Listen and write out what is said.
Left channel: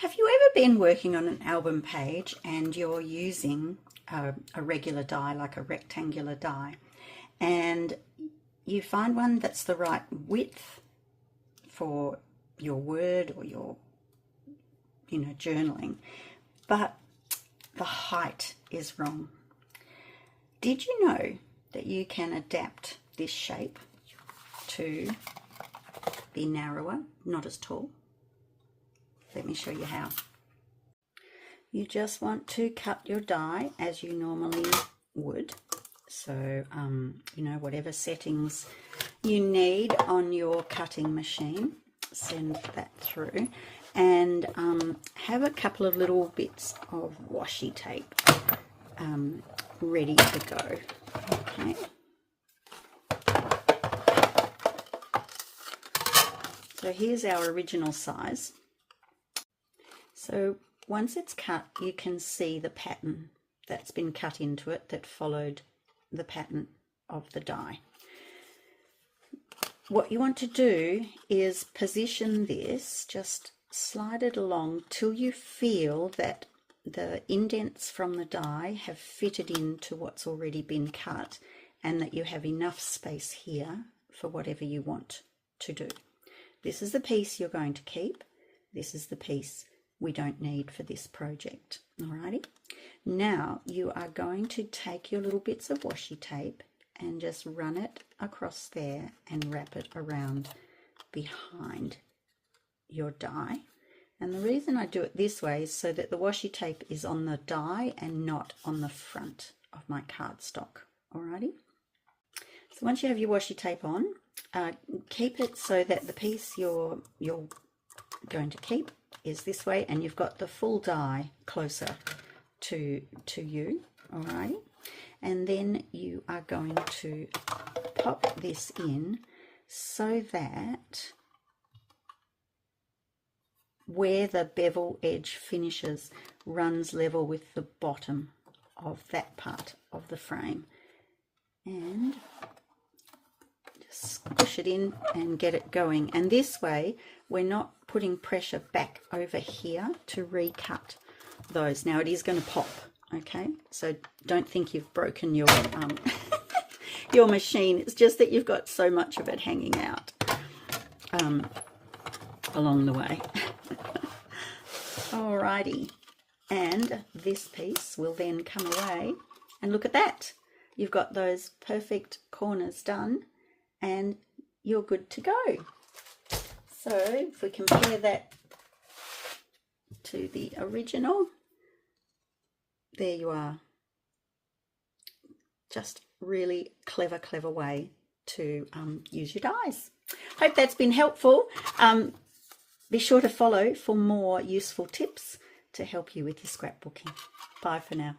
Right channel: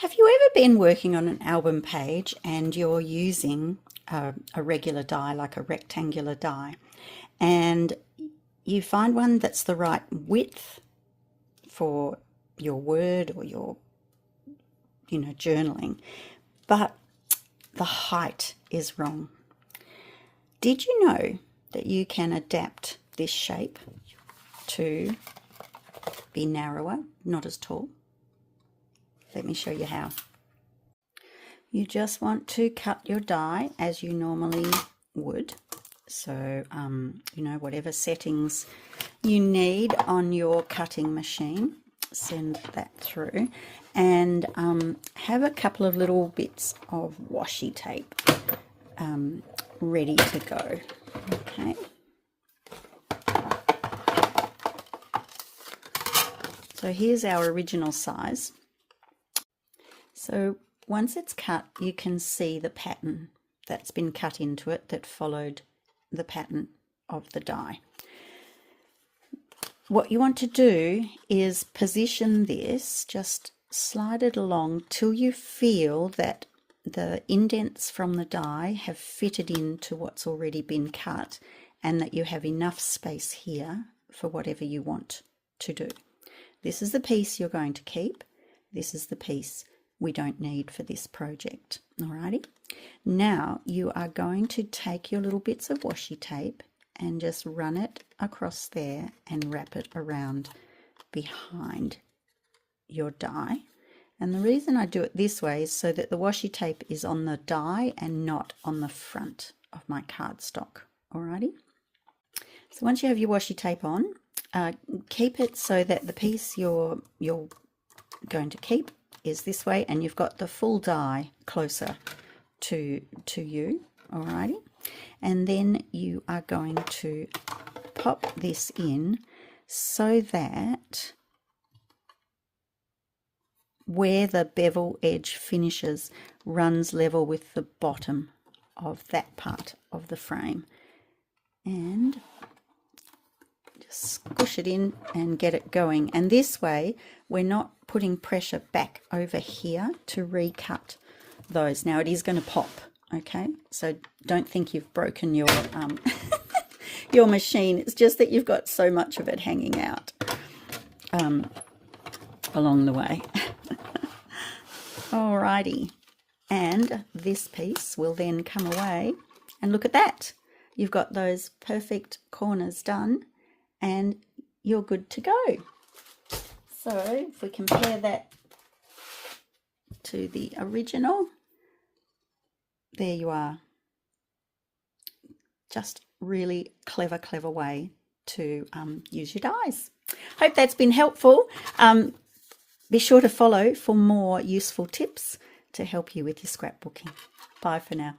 Have you ever been working on an album page and you're using a regular die, like a rectangular die, and you find one that's the right width for your word or your, journaling, but the height is wrong? Did you know that you can adapt this shape to be narrower, not as tall? Let me show you how. You just want to cut your die as you normally would. So, whatever settings you need on your cutting machine, send that through. And have a couple of little bits of washi tape ready to go. Okay. So here's our original size. So once it's cut, you can see the pattern that's been cut into it that followed the pattern of the die. What you want to do is position this, just slide it along till you feel that the indents from the die have fitted into what's already been cut and that you have enough space here for whatever you want to do. This is the piece you're going to keep. This is the piece we don't need for this project. Alrighty. Now you are going to take your little bits of washi tape and just run it across there and wrap it around behind your die. And the reason I do it this way is so that the washi tape is on the die and not on the front of my cardstock. Alrighty. So once you have your washi tape on, keep it so that the piece you're going to keep is this way, and you've got the full die closer to you. Alrighty. And then you are going to pop this in so that where the bevel edge finishes runs level with the bottom of that part of the frame. And just squish it in and get it going. And this way we're not putting pressure back over here to recut those. Now it is going to pop, okay? So don't think you've broken your your machine. It's just that you've got so much of it hanging out along the way. Alrighty, and this piece will then come away, and look at that. You've got those perfect corners done and you're good to go. So if we compare that to the original, there you are. Just really clever way to use your dies. Hope that's been helpful. Be sure to follow for more useful tips to help you with your scrapbooking. Bye for now.